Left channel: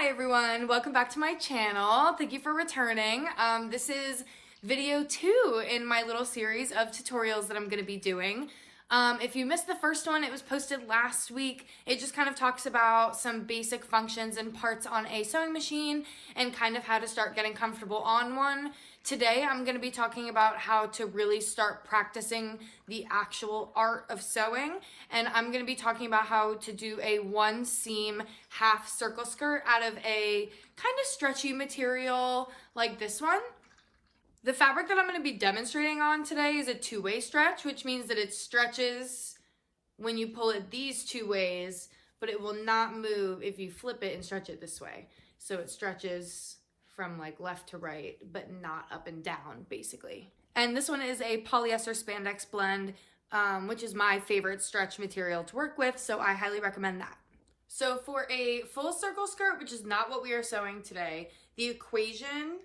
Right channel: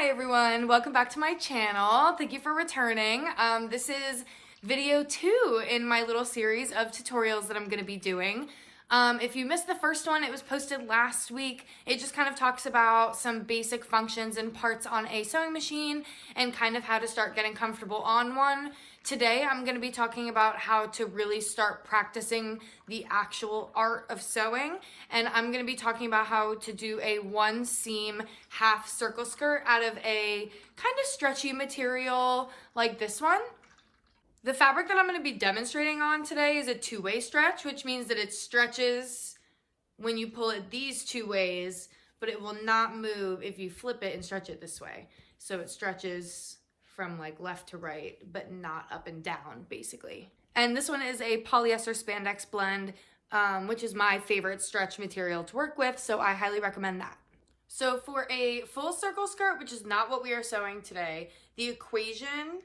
Hi everyone, welcome back to my channel. Thank you for returning. This is video 2 in my little series of tutorials that I'm going to be doing. If you missed the first one, it was posted last week. It just kind of talks about some basic functions and parts on a sewing machine and kind of how to start getting comfortable on one. Today, I'm going to be talking about how to really start practicing the actual art of sewing. And I'm going to be talking about how to do a 1-seam half circle skirt out of a kind of stretchy material like this one. The fabric that I'm going to be demonstrating on today is a 2-way stretch, which means that it stretches when you pull it these 2 ways, but it will not move if you flip it and stretch it this way. So it stretches from like left to right, but not up and down, basically. And this one is a polyester spandex blend, which is my favorite stretch material to work with, so I highly recommend that. So for a full circle skirt, which is not what we are sewing today, the equation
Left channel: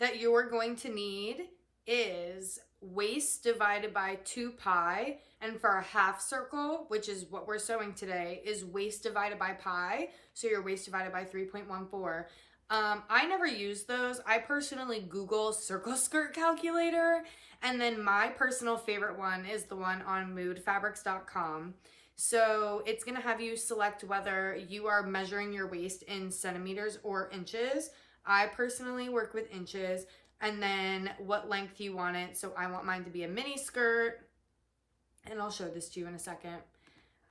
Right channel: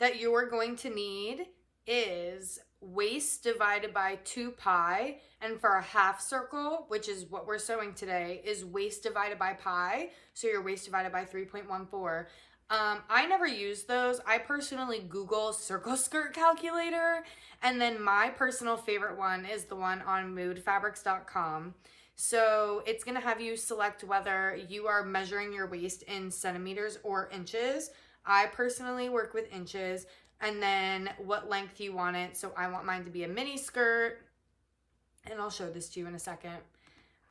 that you're going to need is waist divided by 2 pi, and for a half circle, which is what we're sewing today, is waist divided by pi, so your waist divided by 3.14. I never use those. I personally Google circle skirt calculator, and then my personal favorite one is the one on moodfabrics.com. So it's going to have you select whether you are measuring your waist in centimeters or inches. I personally work with inches, and then what length you want it. So I want mine to be a mini skirt, and I'll show this to you in a second.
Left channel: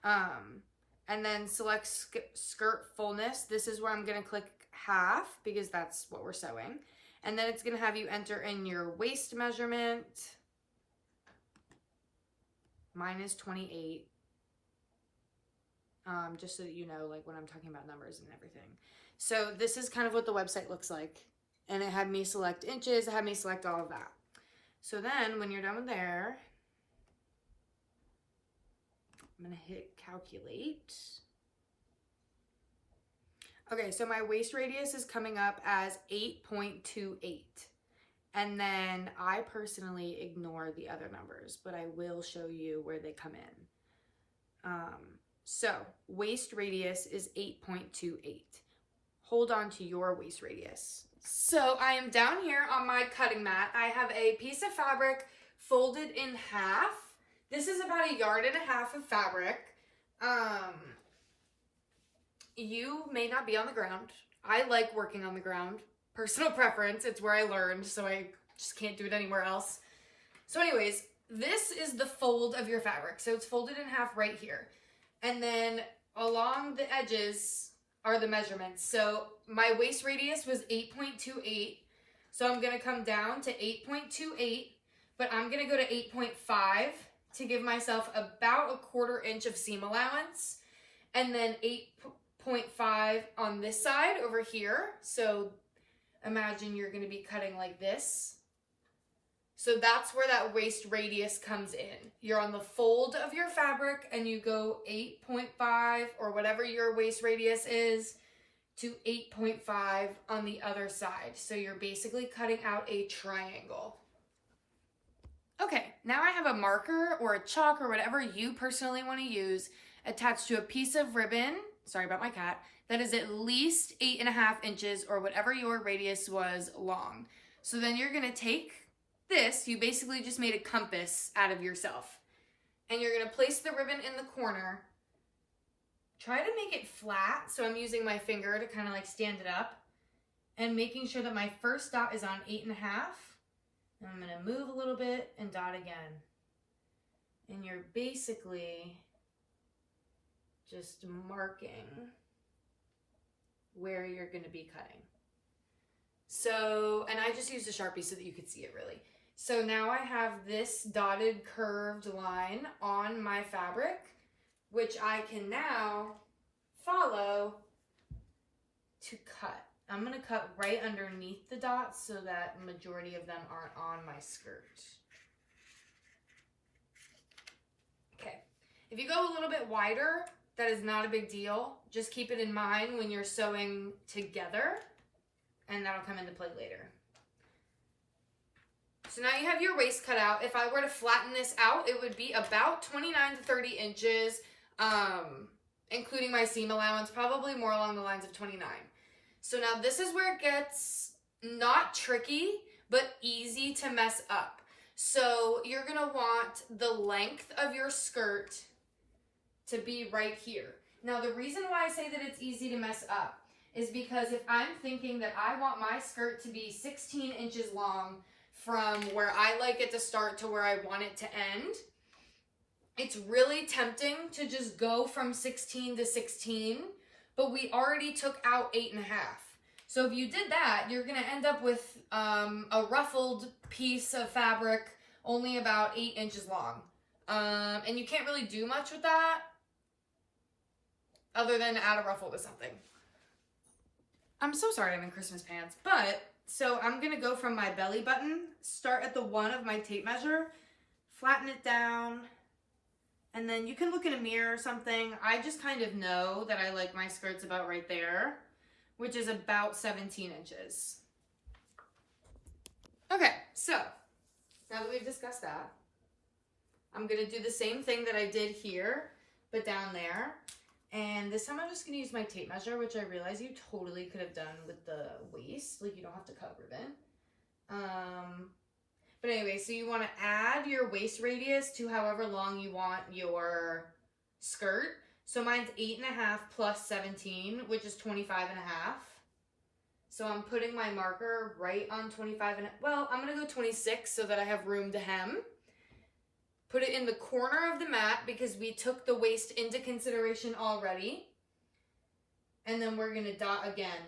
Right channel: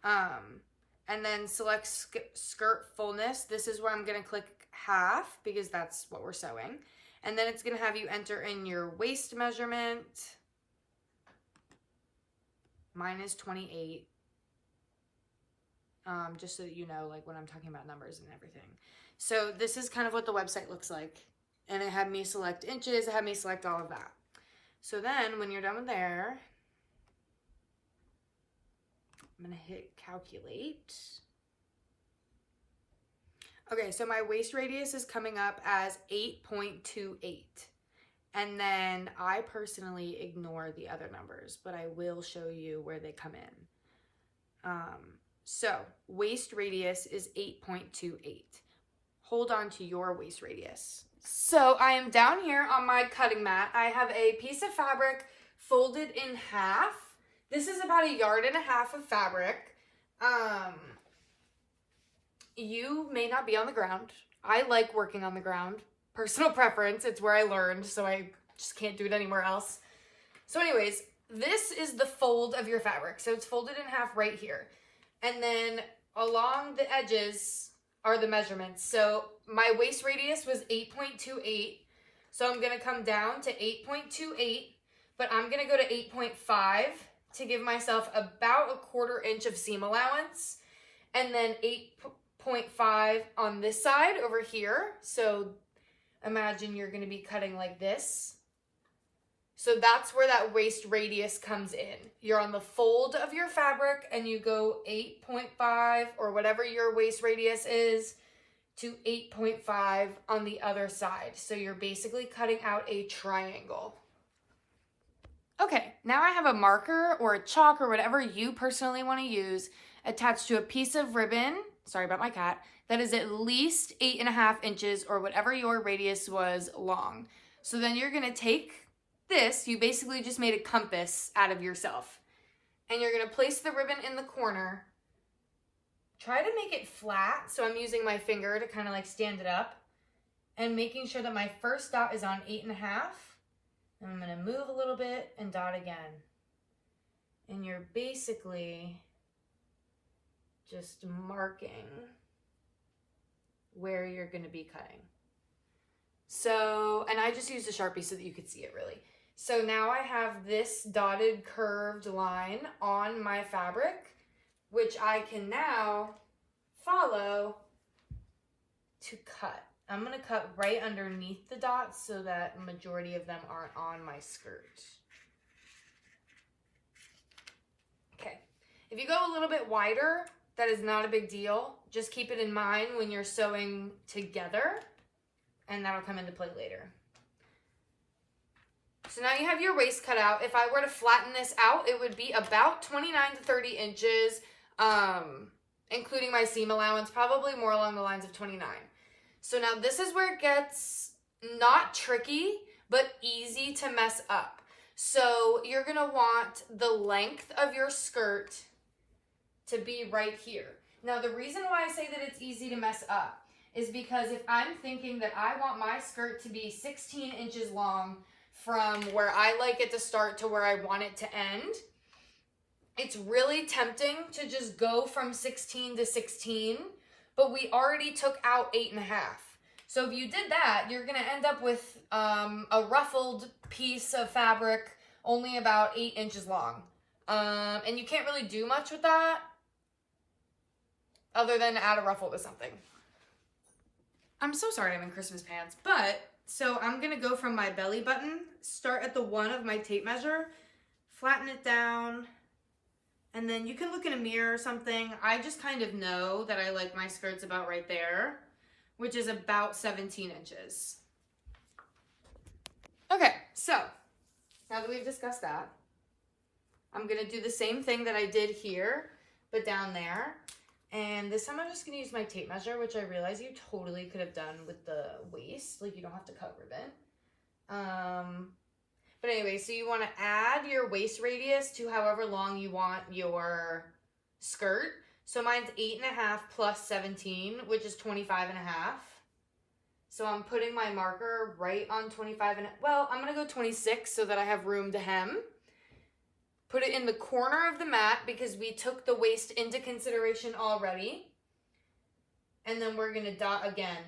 And then select skirt fullness. This is where I'm going to click half because that's what we're sewing. And then it's going to have you enter in your waist measurement. Mine is 28. Just so that you know, like when I'm talking about numbers and everything. So this is kind of what the website looks like. And it had me select inches, it had me select all of that. So then when you're done with there, I'm gonna hit calculate. Okay, so my waist radius is coming up as 8.28. And then I personally ignore the other numbers, but I will show you where they come in. So waist radius is 8.28. Hold on to your waist radius. So I am down here on my cutting mat. I have a piece of fabric folded in half. This is about 1.5 yards of fabric. You may not be on the ground. I like working on the ground. Personal preference. It's where I learned, so I just can't do it anywhere else. So anyways, this is the fold of your fabric. So it's folded in half right here. And then along the edges are the measurements. So my waist radius was 8.28. So I'm going to come down to 8.28, but I'm going to go to 8.5 to give myself about 1/4 inch of seam allowance. And then 8.5 on this side over here. So imagine you're going to be cutting like this. So that's where that waist radius comes in. You're on the fold of your fabric and you go 8.5 or whatever your waist radius is to 8.5 on the other side. So you're basically cutting out a triangle. Okay, now I have a marker or a chalk or whatever you personally want to use attached to a piece of ribbon, sorry about my cat, that is at least 8.5 inches or whatever your radius was long. So then you're going to take this, you basically just made a compass out of yourself. And you're going to place the ribbon in the corner. Try to make it flat, so I'm using my finger to kind of like stand it up. And making sure that my first dot is on 8.5. And I'm going to move a little bit and dot again. And you're basically just marking where you're going to be cutting. So, and I just used a Sharpie so that you could see it really. So now I have this dotted curved line on my fabric, which I can now follow to cut. I'm going to cut right underneath the dots so that the majority of them aren't on my skirt. Okay, if you go a little bit wider, that is not a big deal. Just keep it in mind when you're sewing together, and that'll come into play later. So now you have your waist cut out. If I were to flatten this out, it would be about 29 to 30 inches, including my seam allowance, probably more along the lines of 29. So now this is where it gets not tricky, but easy to mess up. So you're gonna want the length of your skirt to be right here. Now the reason why I say that it's easy to mess up is because if I'm thinking that I want my skirt to be 16 inches long from where I like it to start to where I want it to end, it's really tempting to just go from 16 to 16, but we already took out 8.5. So if you did that, you're gonna end up with a ruffled piece of fabric only about 8 inches long. And you can't really do much with that other than add a ruffle to something. I'm so sorry I'm in Christmas pants, but so I'm gonna go from my belly button, start at the 1 of my tape measure, flatten it down, and then you can look in a mirror or something. I just kind of know that I like my skirts about right there, which is about 17 inches. Okay, so now that we've discussed that, I'm gonna do the same thing that I did here, but down there. And this time I'm just gonna use my tape measure, which I realize you totally could have done with the waist. Like, you don't have to cut ribbon. But anyway, so you wanna add your waist radius to however long you want your skirt. So mine's 8.5 plus 17, which is 25.5. So I'm putting my marker right on 25 and, well, I'm gonna go 26 so that I have room to hem. Put it in the corner of the mat because we took the waist into consideration already. And then we're gonna dot again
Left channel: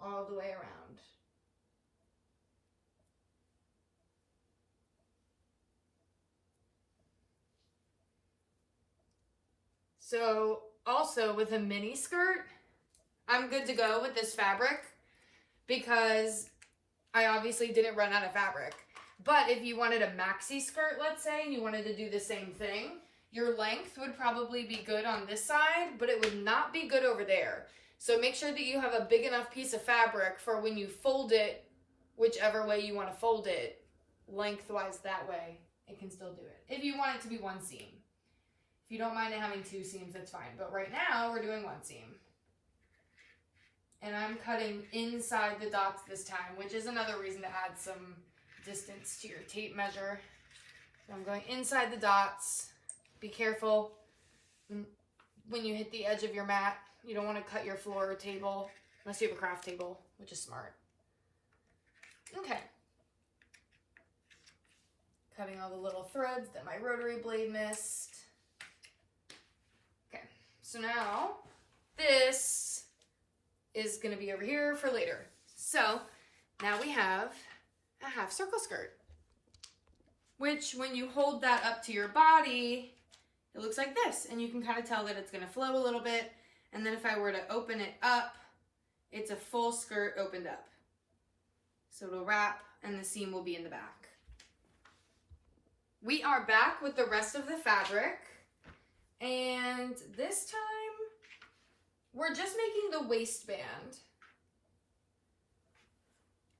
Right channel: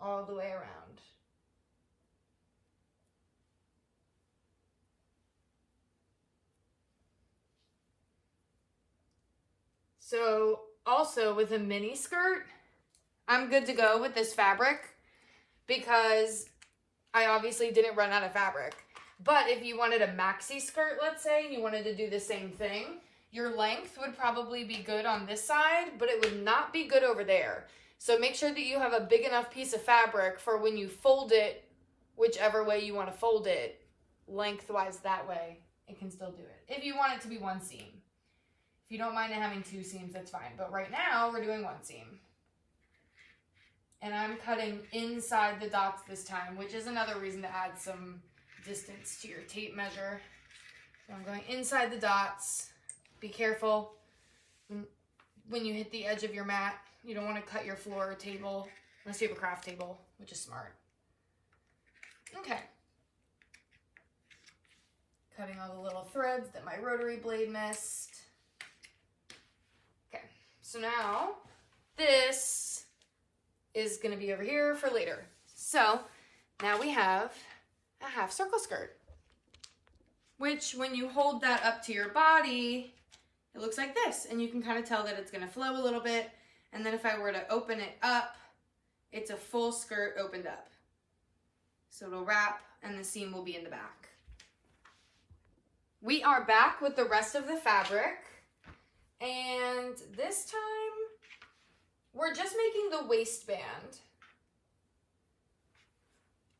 all the way around. So also with a mini skirt, I'm good to go with this fabric because I obviously didn't run out of fabric. But if you wanted a maxi skirt, let's say, and you wanted to do the same thing, your length would probably be good on this side, but it would not be good over there. So make sure that you have a big enough piece of fabric for when you fold it, whichever way you want to fold it, lengthwise that way, it can still do it. If you want it to be one seam. If you don't mind it having 2 seams, that's fine. But right now, we're doing 1 seam. And I'm cutting inside the dots this time, which is another reason to add some distance to your tape measure. So I'm going inside the dots. Be careful when you hit the edge of your mat. You don't want to cut your floor or table unless you have a craft table, which is smart. Okay. Cutting all the little threads that my rotary blade missed. Okay, so now this is going to be over here for later. So now we have a half circle skirt, which when you hold that up to your body, it looks like this, and you can kind of tell that it's going to flow a little bit. And then if I were to open it up, it's a full skirt opened up. So it'll wrap and the seam will be in the back. We are back with the rest of the fabric, and this time we're just making the waistband.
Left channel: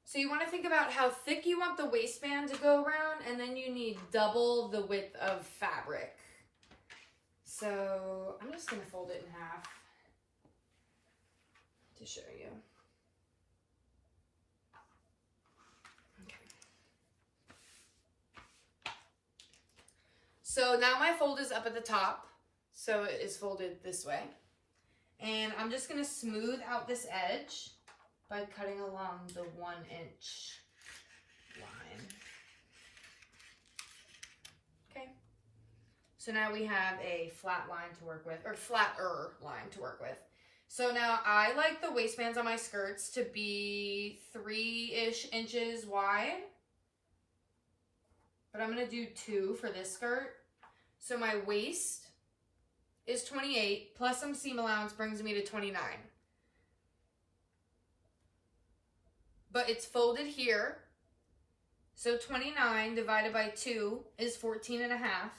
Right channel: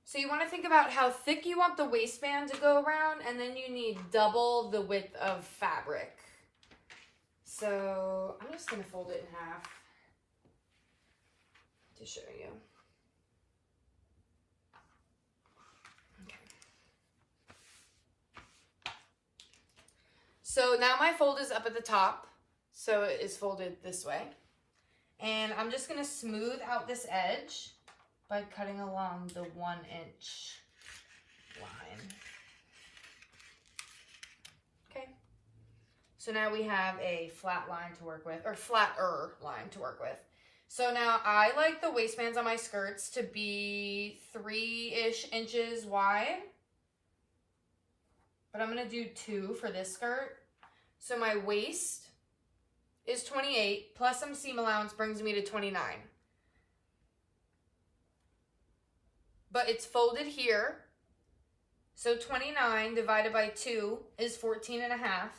So you want to think about how thick you want the waistband to go around, and then you need double the width of fabric. So I'm just going to fold it in half to show you. Okay. So now my fold is up at the top, so it is folded this way. And I'm just going to smooth out this edge by cutting along the 1-inch line. Okay. So now we have a flat line to work with, or flatter line to work with. So now I like the waistbands on my skirts to be 3-ish inches wide. But I'm going to do 2 for this skirt. So my waist is 28, plus some seam allowance brings me to 29. But it's folded here. So 29 divided by 2 is 14.5.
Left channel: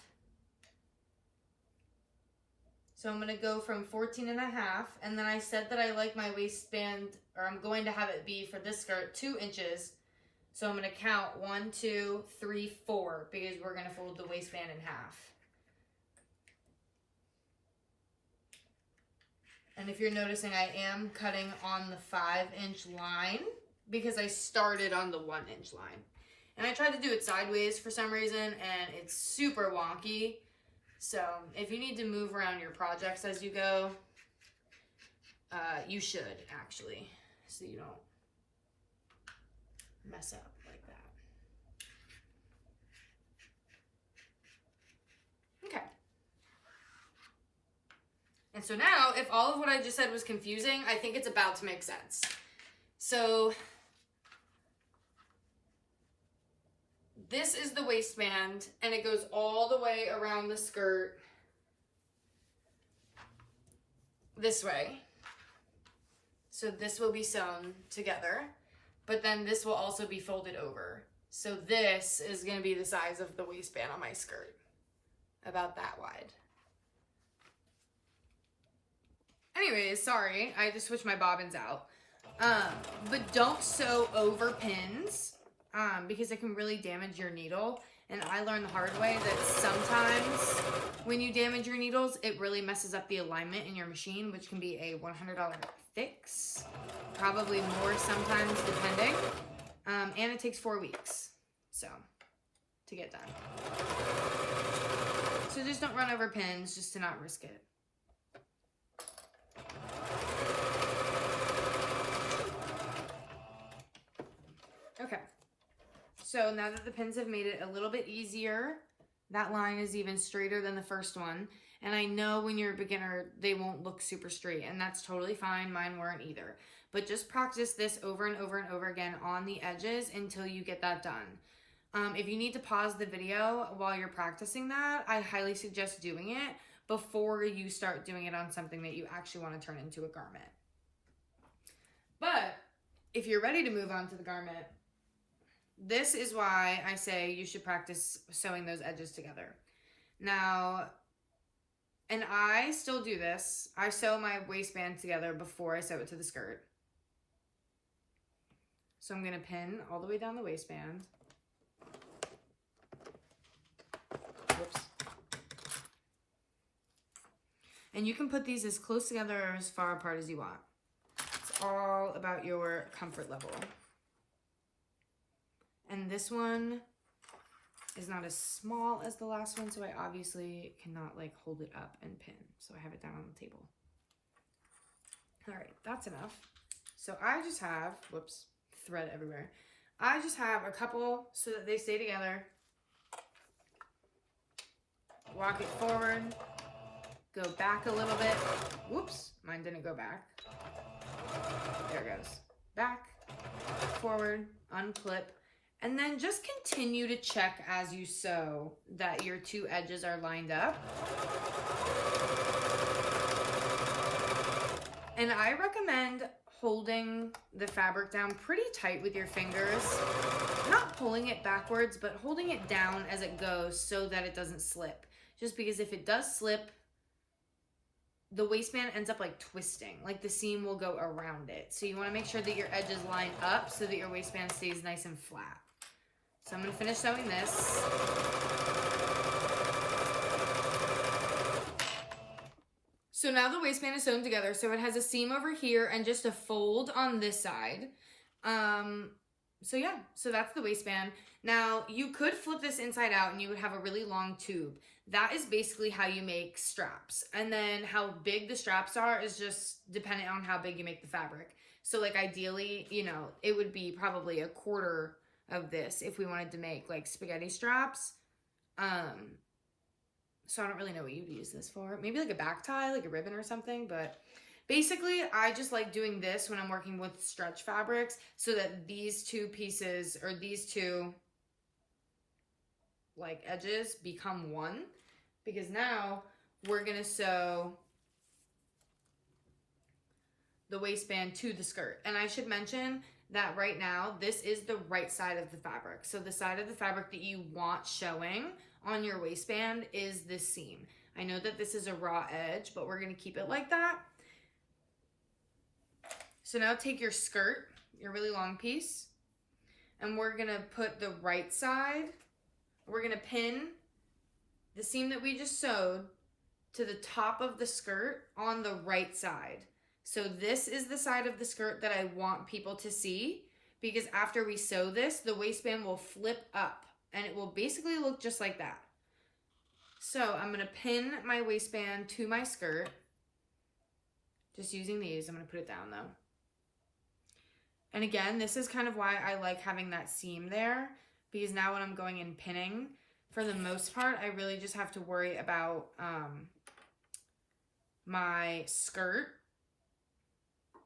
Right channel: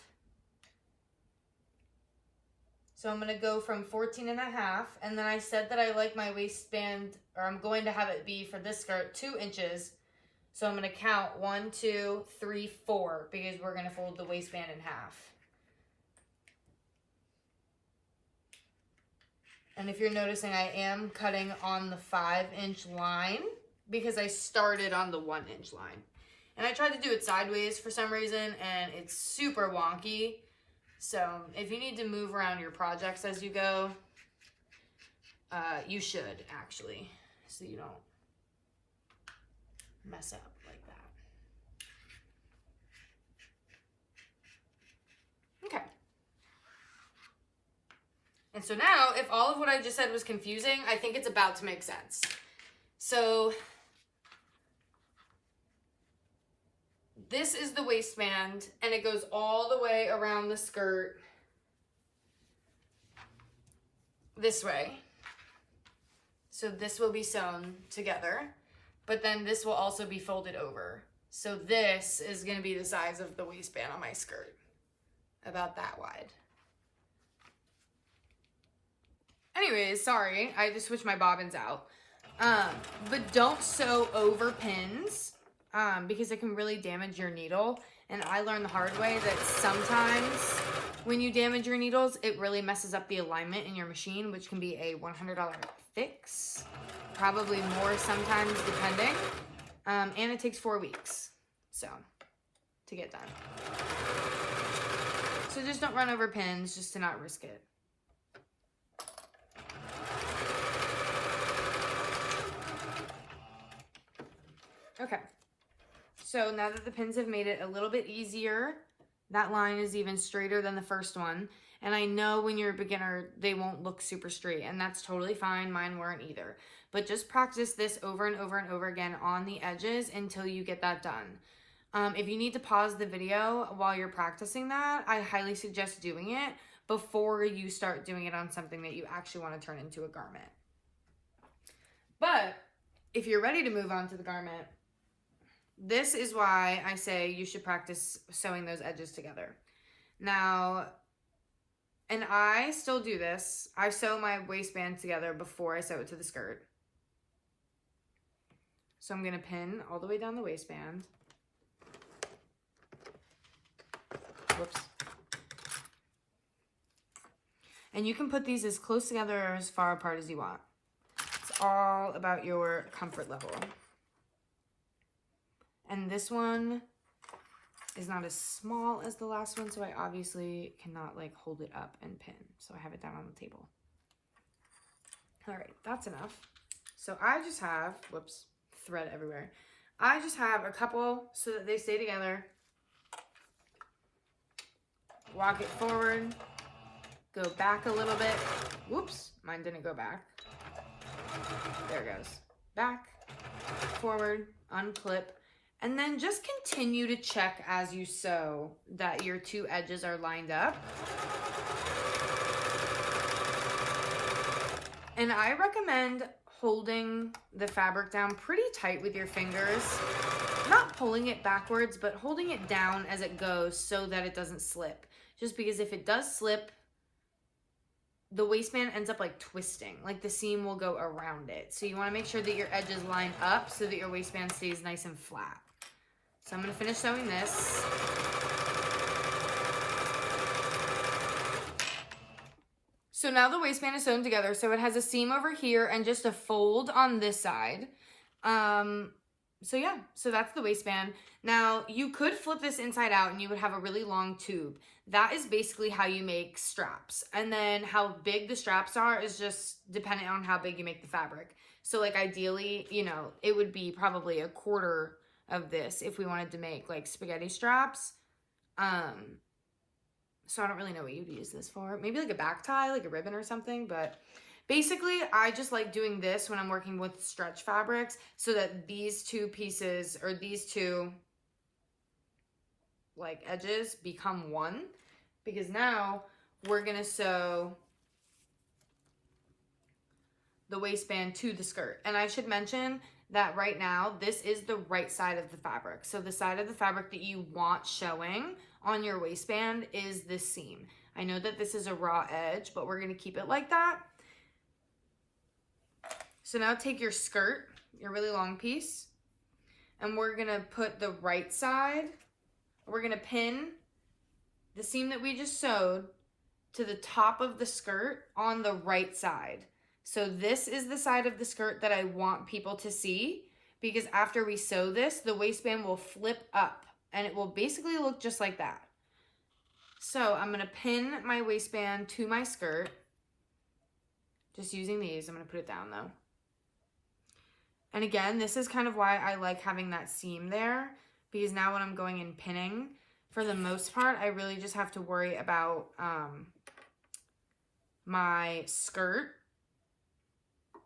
So I'm going to go from 14.5, and then I said that I like my waistband, or I'm going to have it be for this skirt 2 inches. So I'm going to count 1, 2, 3, 4, because we're going to fold the waistband in half. And if you're noticing, I am cutting on the 5-inch line because I started on the 1-inch line. And I tried to do it sideways for some reason, and it's super wonky. So if you need to move around your projects as you go, you should actually, so you don't mess up like that. Okay. And so now, if all of what I just said was confusing, I think it's about to make sense. So this is the waistband, and it goes all the way around the skirt this way. So this will be sewn together, but then this will also be folded over. So this is going to be the size of the waistband on my skirt, about that wide. Anyways, sorry, I just switched my bobbins out. But don't sew over pins, because it can really damage your needle. And I learned the hard way that sometimes when you damage your needles, it really messes up the alignment in your machine, which can be a $100 fix, probably more sometimes depending. And it takes 4 weeks, so, to get done. So just don't run over pins, just to not risk it. Okay, so now that the pins have made it a little bit easier, that line is even straighter than the first one. And I know when you're a beginner, they won't look super straight, and that's totally fine. Mine weren't either. But just practice this over and over and over again on the edges until you get that done. If you need to pause the video while you're practicing that, I highly suggest doing it before you start doing it on something that you actually want to turn into a garment. But if you're ready to move on to the garment, this is why I say you should practice sewing those edges together. Now, and I still do this. I sew my waistband together before I sew it to the skirt. So I'm going to pin all the way down the waistband. Whoops. And you can put these as close together or as far apart as you want. It's all about your comfort level. And this one is not as small as the last one, so I obviously cannot like hold it up and pin. So I have it down on the table. All right, that's enough. So I just have, whoops, thread everywhere. I just have a couple so that they stay together. Walk it forward, go back a little bit. Whoops, mine didn't go back. There it goes. Back, forward, unclip. And then just continue to check as you sew that your two edges are lined up. And I recommend holding the fabric down pretty tight with your fingers. Not pulling it backwards, but holding it down as it goes so that it doesn't slip. Just because if it does slip, the waistband ends up like twisting. Like the seam will go around it. So you want to make sure that your edges line up so that your waistband stays nice and flat. So I'm going to finish sewing this. So now the waistband is sewn together. So it has a seam over here and just a fold on this side. So yeah, so that's the waistband. Now you could flip this inside out and you would have a really long tube. That is basically how you make straps. And then how big the straps are is just depending on how big you make the fabric. So like ideally, you know, it would be probably a quarter of this if we wanted to make like spaghetti straps. So I don't really know what you'd use this for. Maybe like a back tie, like a ribbon or something. But basically, I just like doing this when I'm working with stretch fabrics so that these two pieces or these two like edges become one. Because now we're going to sew the waistband to the skirt. And I should mention that right now, this is the right side of the fabric. So the side of the fabric that you want showing on your waistband is this seam. I know that this is a raw edge, but we're gonna keep it like that. So now take your skirt, your really long piece, and we're gonna put the right side, we're gonna pin the seam that we just sewed to the top of the skirt on the right side. So this is the side of the skirt that I want people to see, because after we sew this, the waistband will flip up and it will basically look just like that. So I'm gonna pin my waistband to my skirt, just using these. I'm gonna put it down though. And again, this is kind of why I like having that seam there, because now when I'm going in pinning, for the most part, I really just have to worry about my skirt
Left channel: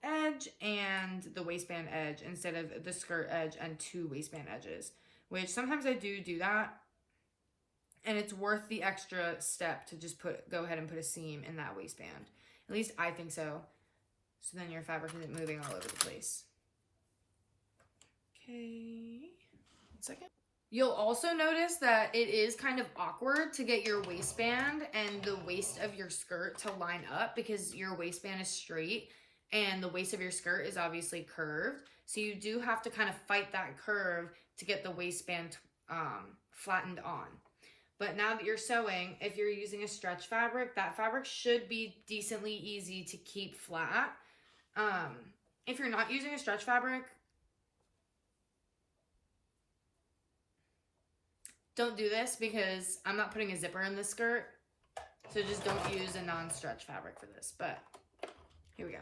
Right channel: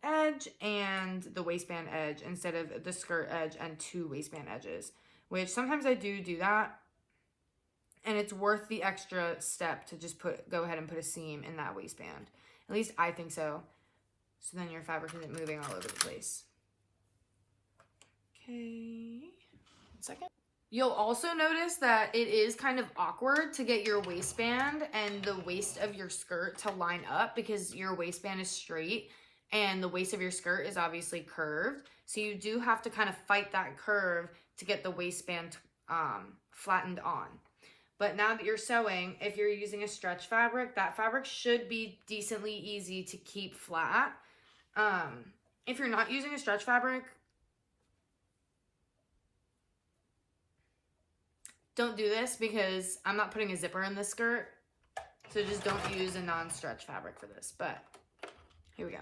edge and the waistband edge instead of the skirt edge and 2 waistband edges, which sometimes I do that. And it's worth the extra step to just go ahead and put a seam in that waistband. At least I think so. So then your fabric isn't moving all over the place. Okay, 1 second. You'll also notice that it is kind of awkward to get your waistband and the waist of your skirt to line up, because your waistband is straight and the waist of your skirt is obviously curved. So you do have to kind of fight that curve to get the waistband flattened on. But now that you're sewing, if you're using a stretch fabric, that fabric should be decently easy to keep flat. If you're not using a stretch fabric, don't do this, because I'm not putting a zipper in this skirt. So just don't use a non-stretch fabric for this. But here we go.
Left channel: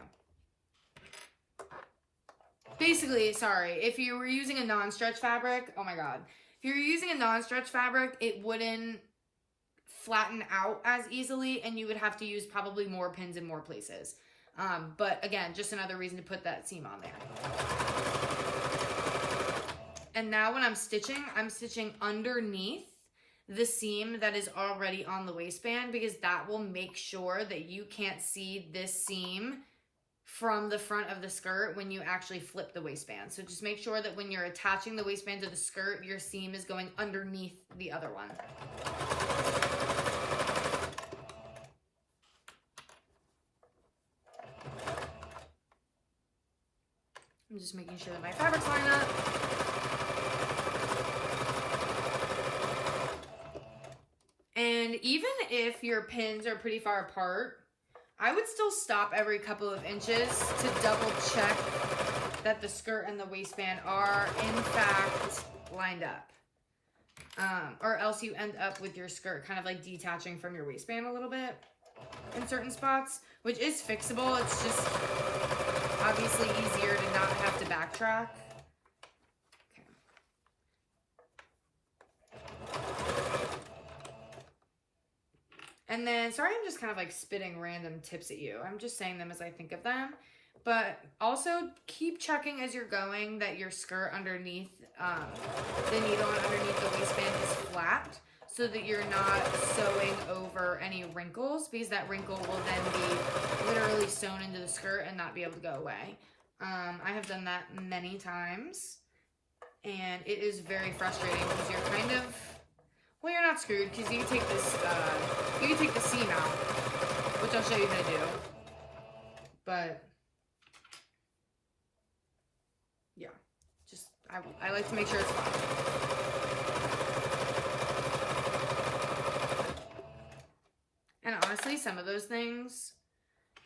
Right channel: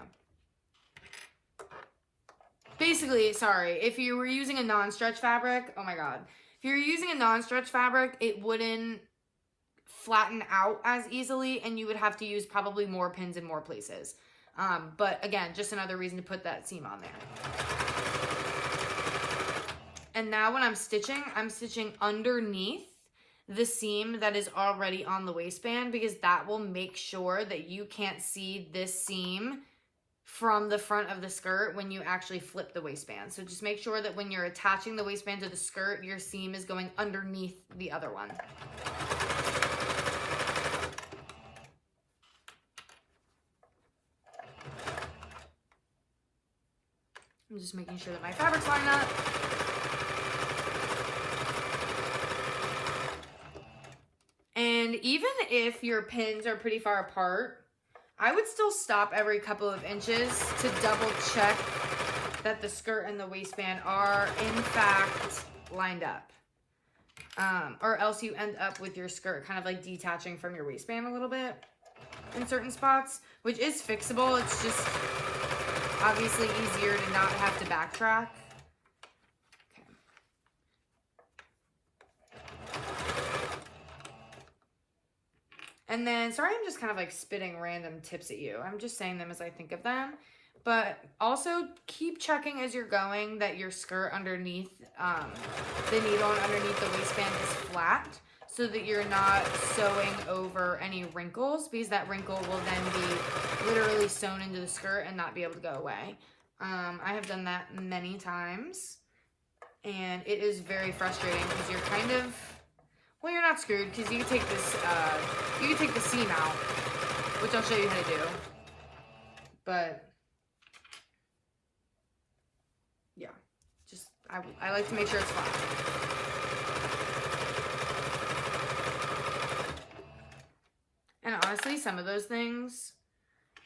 Basically, sorry, if you were using a non-stretch fabric, oh my God. If you're using a non-stretch fabric, it wouldn't flatten out as easily, and you would have to use probably more pins in more places. But again, just another reason to put that seam on there. And now when I'm stitching underneath the seam that is already on the waistband, because that will make sure that you can't see this seam from the front of the skirt when you actually flip the waistband. So just make sure that when you're attaching the waistband to the skirt, your seam is going underneath the other one. I'm just making sure that my fabric's lined up. And even if your pins are pretty far apart, I would still stop every couple of inches to double check that the skirt and the waistband are in fact lined up. Or else you end up with your skirt kind of like detaching from your waistband a little bit in certain spots, which is fixable. It's just obviously easier to not have to backtrack. And then, sorry, I'm just kind of like spitting random tips at you. I'm just saying them as I think of them. But also keep checking as you're going that your skirt underneath the needle and underneath the waistband is flat, so that you're not sewing over any wrinkles, because that wrinkle will then be literally sewn into the skirt and not be able to go away. I have done that many times, and it is very frustrating because you're kind of, well, you're not screwed, because you can take this, you can take the seam out, which I'll show you how to do. But yeah, just I like to make sure it's flat. And honestly, some of those things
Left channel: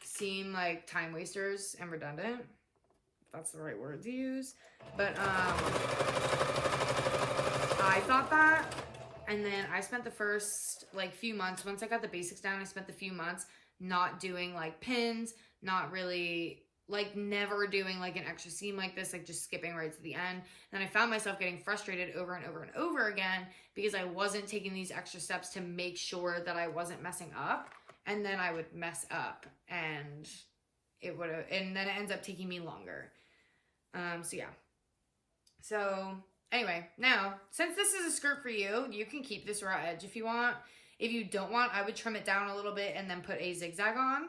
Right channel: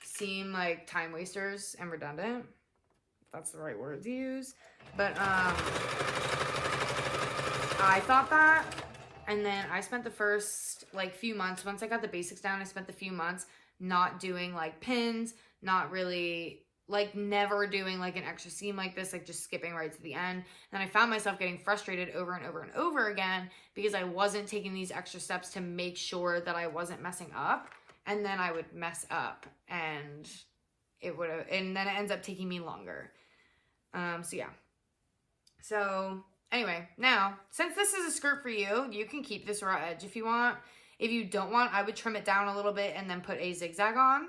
seem like time wasters and redundant. If that's the right word to use. But I thought that. And then I spent the first like few months, once I got the basics down, I spent the few months not doing like pins, not really, like never doing like an extra seam like this, like just skipping right to the end. And I found myself getting frustrated over and over and over again because I wasn't taking these extra steps to make sure that I wasn't messing up. And then I would mess up, and and then it ends up taking me longer. So yeah. So anyway, now, since this is a skirt for you, you can keep this raw edge if you want. If you don't want, I would trim it down a little bit and then put a zigzag on.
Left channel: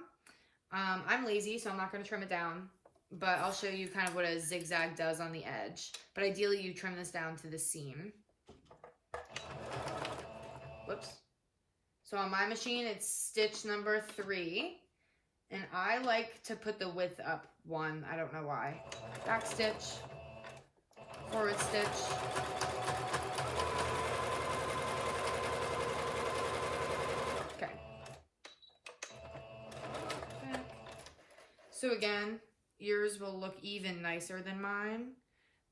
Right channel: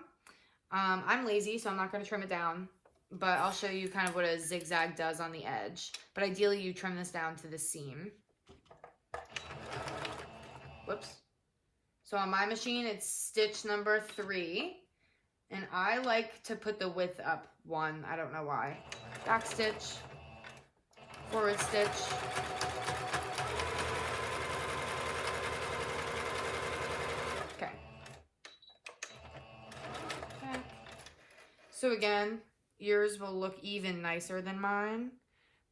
I'm lazy, so I'm not going to trim it down, but I'll show you kind of what a zigzag does on the edge. But ideally, you trim this down to the seam. Whoops. So on my machine, it's stitch number 3, and I like to put the width up 1. I don't know why. Back stitch, forward stitch, okay. So again, yours will look even nicer than mine,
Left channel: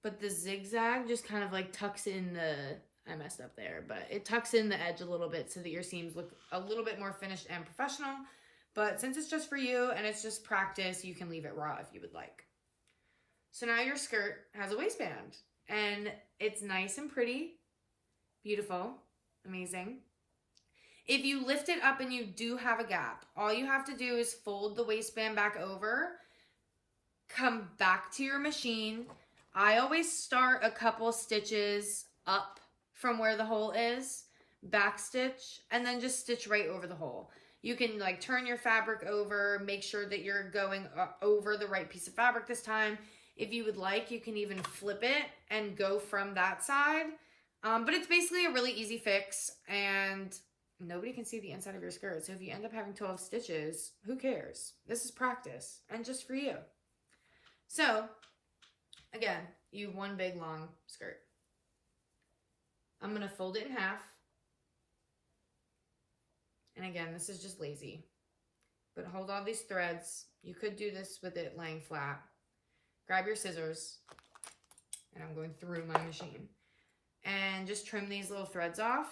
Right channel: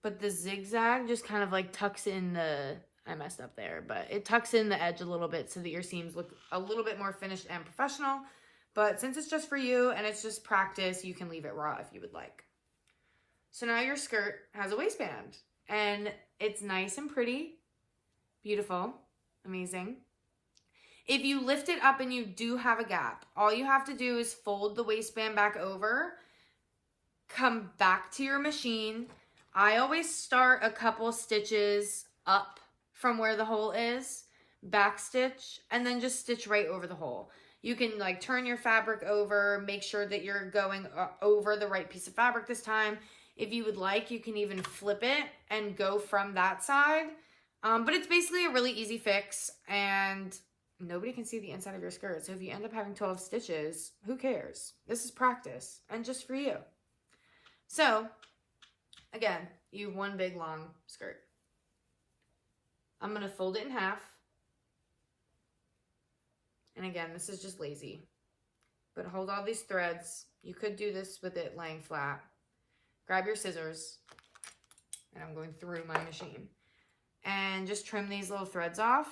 but the zigzag just kind of like tucks in the, I messed up there, but it tucks in the edge a little bit so that your seams look a little bit more finished and professional. But since it's just for you and it's just practice, you can leave it raw if you would like. So now your skirt has a waistband and it's nice and pretty, beautiful, amazing. If you lift it up and you do have a gap, all you have to do is fold the waistband back over, come back to your machine. I always start a couple stitches up from where the hole is, back stitch, and then just stitch right over the hole. You can like turn your fabric over, make sure that you're going over the right piece of fabric this time. If you would like, you can even flip it and go from that side. But it's basically a really easy fix, and nobody can see the inside of your skirt. So if you end up having 12 stitches, who cares? This is practice and just for you. So again, you have one big long skirt. I'm going to fold it in half. And again, this is just lazy. But hold all these threads. You could do this with it laying flat. Grab your scissors. And I'm going through my machine. And just trim these little threads off.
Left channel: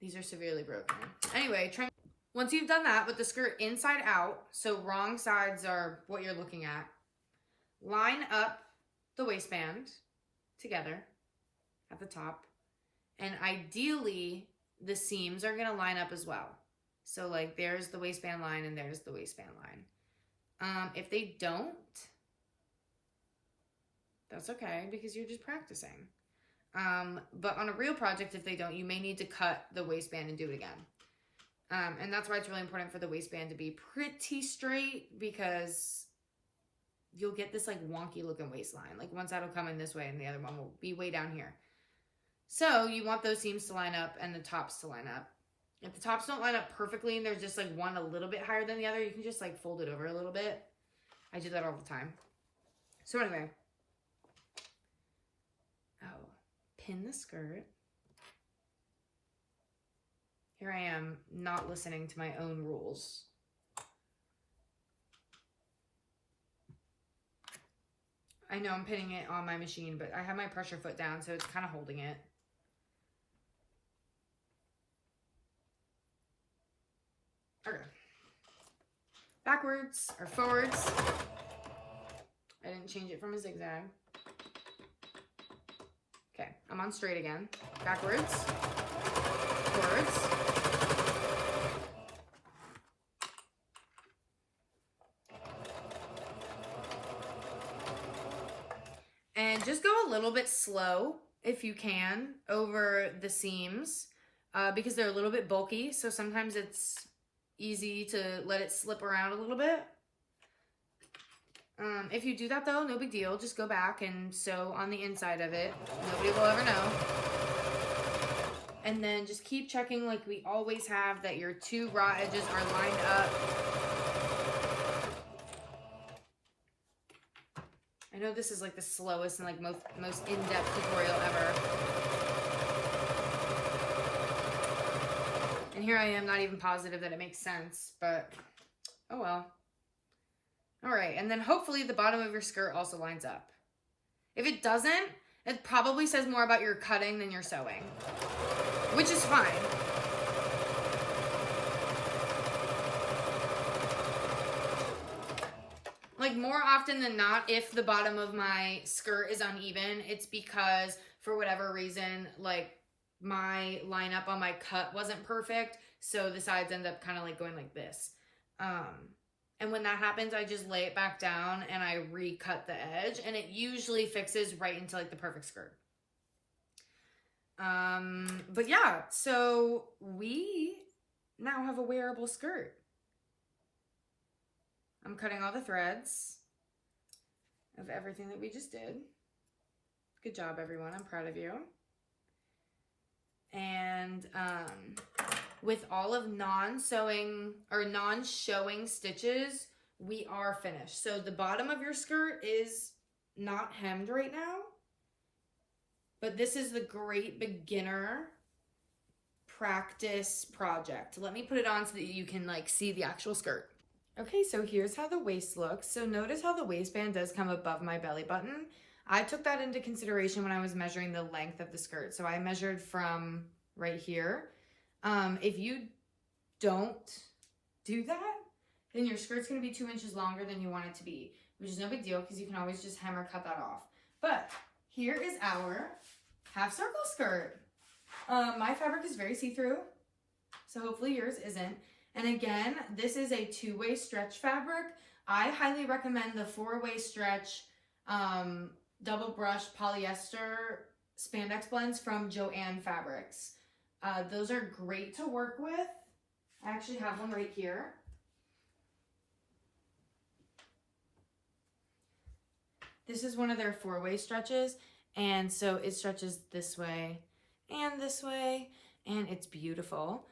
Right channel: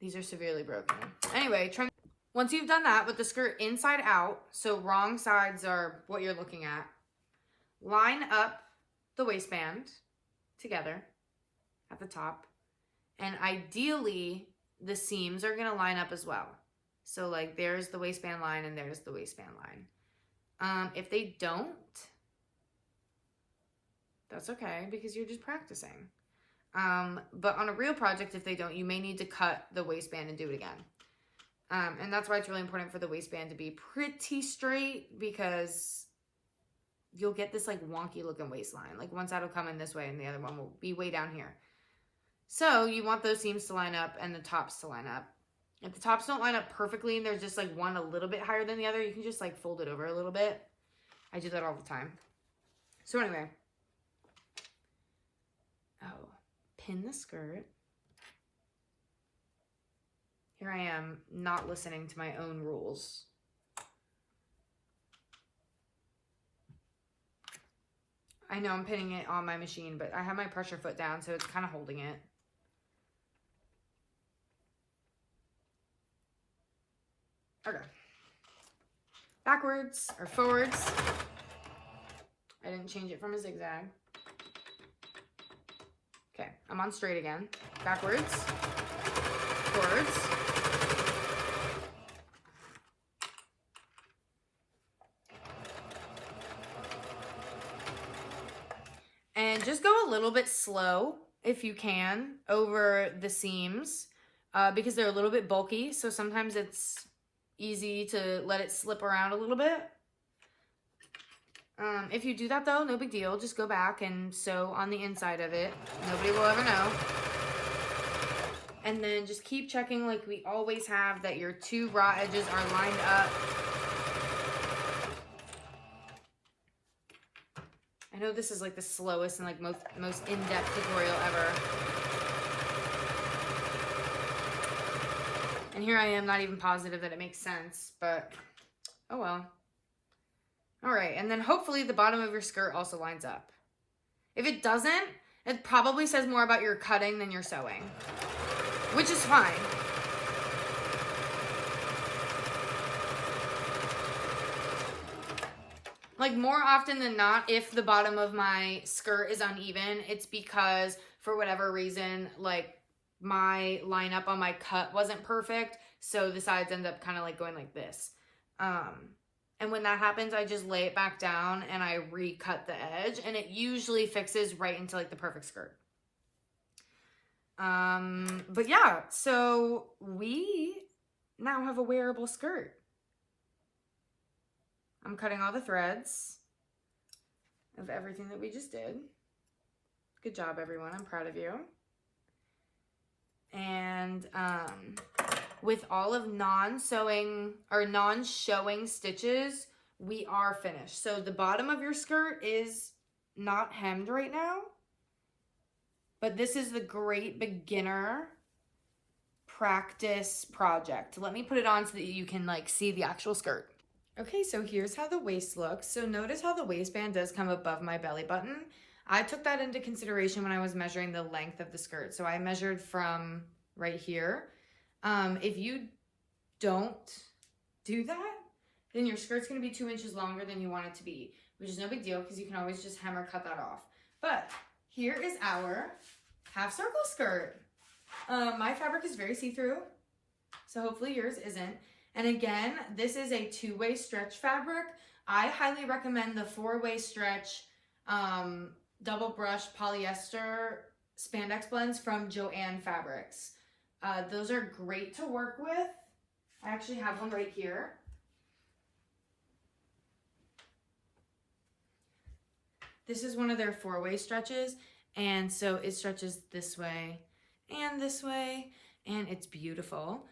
These are severely broken. Anyway, trim. Once you've done that with the skirt inside out, so wrong sides are what you're looking at, line up the waistband together at the top. And ideally, the seams are going to line up as well. So like there's the waistband line and there's the waistband line. If they don't, that's okay because you're just practicing. But on a real project, if they don't, you may need to cut the waistband and do it again. And that's why it's really important for the waistband to be pretty straight, because you'll get this like wonky looking waistline. Like one side will come in this way and the other one will be way down here. So you want those seams to line up and the tops to line up. If the tops don't line up perfectly and there's just like one a little bit higher than the other, you can just like fold it over a little bit. I do that all the time. So anyway. Oh, pin the skirt. Here I am not listening to my own rules. I know I'm pinning it on my machine, but I have my pressure foot down, so it's kind of holding it. Okay. Backwards or forwards. I didn't change it from a zigzag. Okay, I'm on straight again. Backwards, forwards. And just go a little bit slow, if you can, over the seams, because they're a little bit bulky, so sometimes it's easy to let it slip around a little bit. If you do that though, no big deal. Just go back and sew on the inside of it. Nobody will ever know. And then just keep checking like we always have that your two raw edges are lined up. I know this is like the slowest and like most in-depth tutorial ever. And here I am not even positive that it makes sense, but oh well. All right, and then hopefully the bottom of your skirt also lines up. If it doesn't, it probably says more about your cutting than your sewing, which is fine. Like more often than not, if the bottom of my skirt is uneven, it's because for whatever reason, like my lineup on my cut wasn't perfect. So the sides end up kind of like going like this. And when that happens, I just lay it back down and I recut the edge, and it usually fixes right into like the perfect skirt. But yeah, so we now have a wearable skirt. I'm cutting all the threads of everything that we just did. Good job, everyone. I'm proud of you. And with all of non-sewing or non-showing stitches, we are finished. So the bottom of your skirt is not hemmed right now, but this is the great beginner practice project. Let me put it on so that you can like see the actual skirt. Okay, so here's how the waist looks. So notice how the waistband does come above my belly button. I took that into consideration when I was measuring the length of the skirt. So I measured from right here. If you don't do that, then your skirt's gonna be 2 inches longer than you want it to be, which is no big deal because you can always just hem or cut that off. But here is our half circle skirt. My fabric is very see-through, so hopefully yours isn't. And again, this is a 2-way stretch fabric. I highly recommend the 4-way stretch double brush polyester spandex blends from Joann Fabrics. Those are great to work with. I actually have one right here. This is one of their 4-way stretches, and so it stretches this way, and it's beautiful.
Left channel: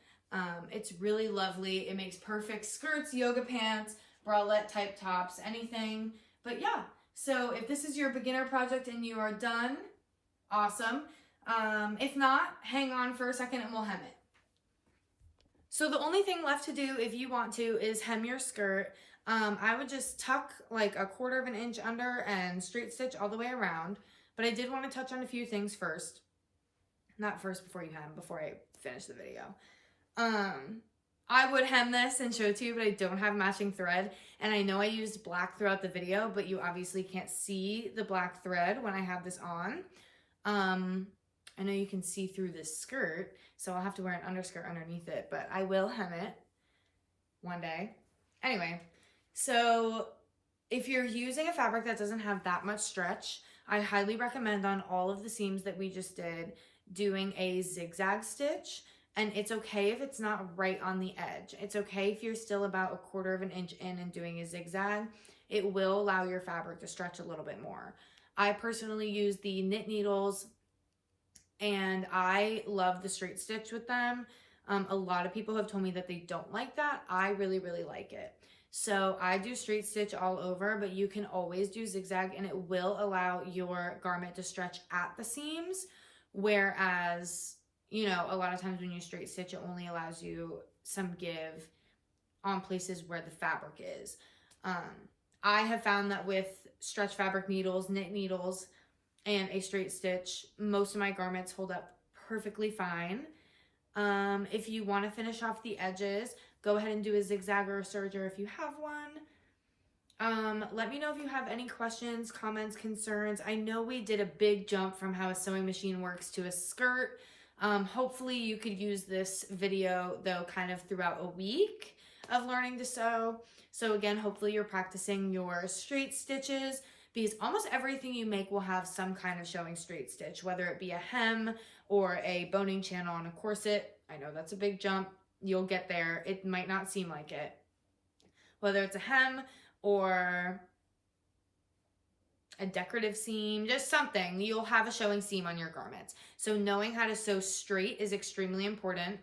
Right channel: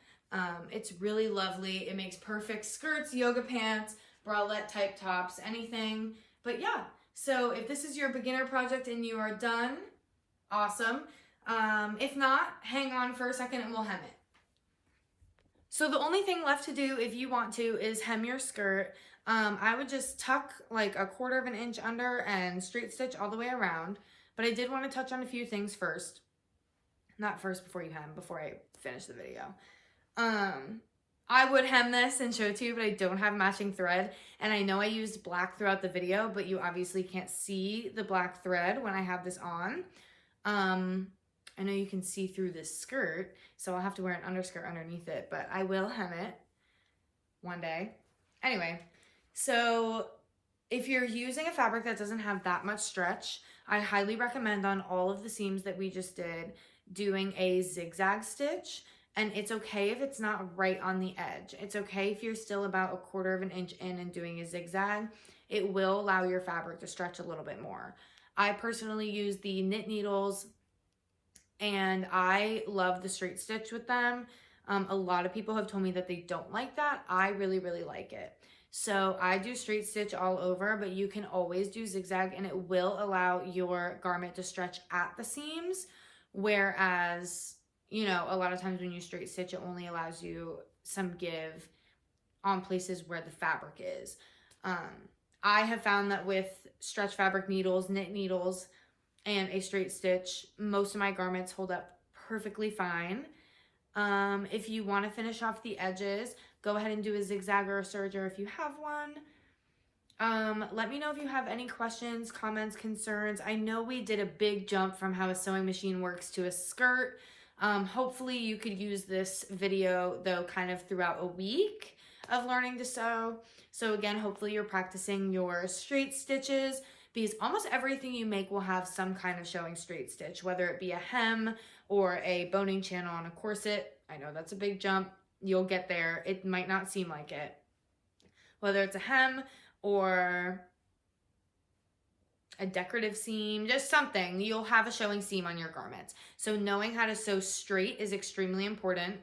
It's really lovely. It makes perfect skirts, yoga pants, bralette type tops, anything. But yeah, so if this is your beginner project and you are done, awesome. If not, hang on for a second and we'll hem it. So the only thing left to do if you want to is hem your skirt. I would just tuck like 1/4 inch under and straight stitch all the way around. But I did want to touch on a few things first. Not first before you hem, before I finish the video. I would hem this and show it to you, but I don't have matching thread. And I know I used black throughout the video, but you obviously can't see the black thread when I have this on. I know you can see through this skirt, so I'll have to wear an underskirt underneath it, but I will hem it one day. Anyway, so if you're using a fabric that doesn't have that much stretch, I highly recommend on all of the seams that we just did doing a zigzag stitch. And it's okay if it's not right on the edge. It's okay if you're still about 1/4 inch in and doing a zigzag. It will allow your fabric to stretch a little bit more. I personally use the knit needles and I love the straight stitch with them. A lot of people have told me that they don't like that. I really, really like it. So I do straight stitch all over, but you can always do zigzag and it will allow your garment to stretch at the seams. Whereas, you know, a lot of times when you straight stitch, it only allows you some give on places where the fabric is. I have found that with stretch fabric needles, knit needles, and a straight stitch, most of my garments hold up perfectly fine. If you want to finish off the edges, go ahead and do a zigzag or a serger if you have one. Let me know if you have any questions, comments, concerns. I know we did a big jump from how a sewing machine works to a skirt. Hopefully you could use this video though kind of throughout a week of learning to sew. So again, hopefully you're practicing your straight stitches because almost everything you make will have some kind of showing straight stitch, whether it be a hem or a boning channel on a corset. I know that's a big jump. You'll get there. It might not seem like it. Whether it's a hem or a decorative seam, just something, you'll have a showing seam on your garments. So knowing how to sew straight is extremely important.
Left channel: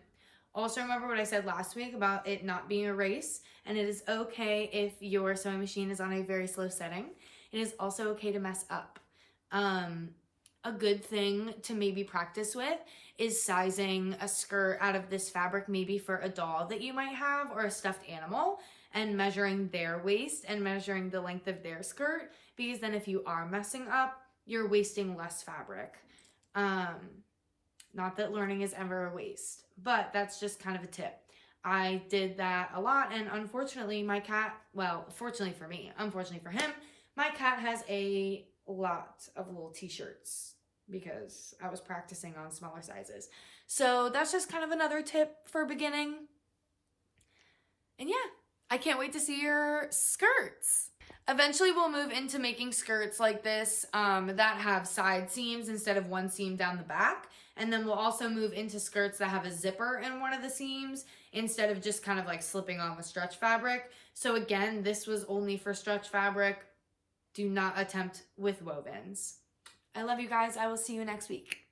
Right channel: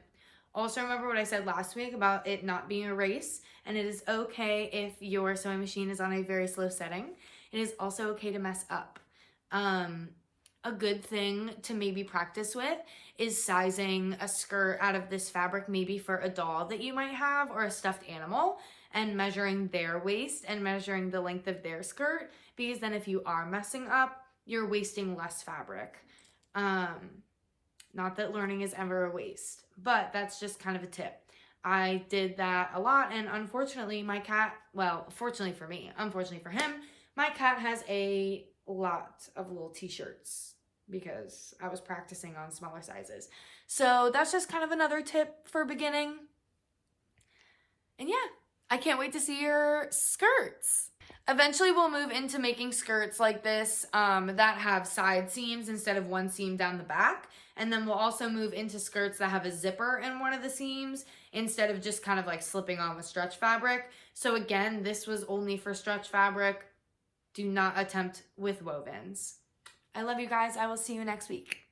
Also remember what I said last week about it not being a race, and it is okay if your sewing machine is on a very slow setting. It is also okay to mess up. A good thing to maybe practice with is sizing a skirt out of this fabric, maybe for a doll that you might have or a stuffed animal, and measuring their waist and measuring the length of their skirt, because then if you are messing up, you're wasting less fabric. Not that learning is ever a waste, but that's just kind of a tip. I did that a lot, and unfortunately my cat, well, fortunately for me, unfortunately for him, my cat has a lot of little t-shirts because I was practicing on smaller sizes. So that's just kind of another tip for beginning. And yeah, I can't wait to see your skirts. Eventually we'll move into making skirts like this that have side seams instead of one seam down the back. And then we'll also move into skirts that have a zipper in one of the seams instead of just kind of like slipping on with stretch fabric. So again, this was only for stretch fabric. Do not attempt with wovens. I love you guys. I will see you next week.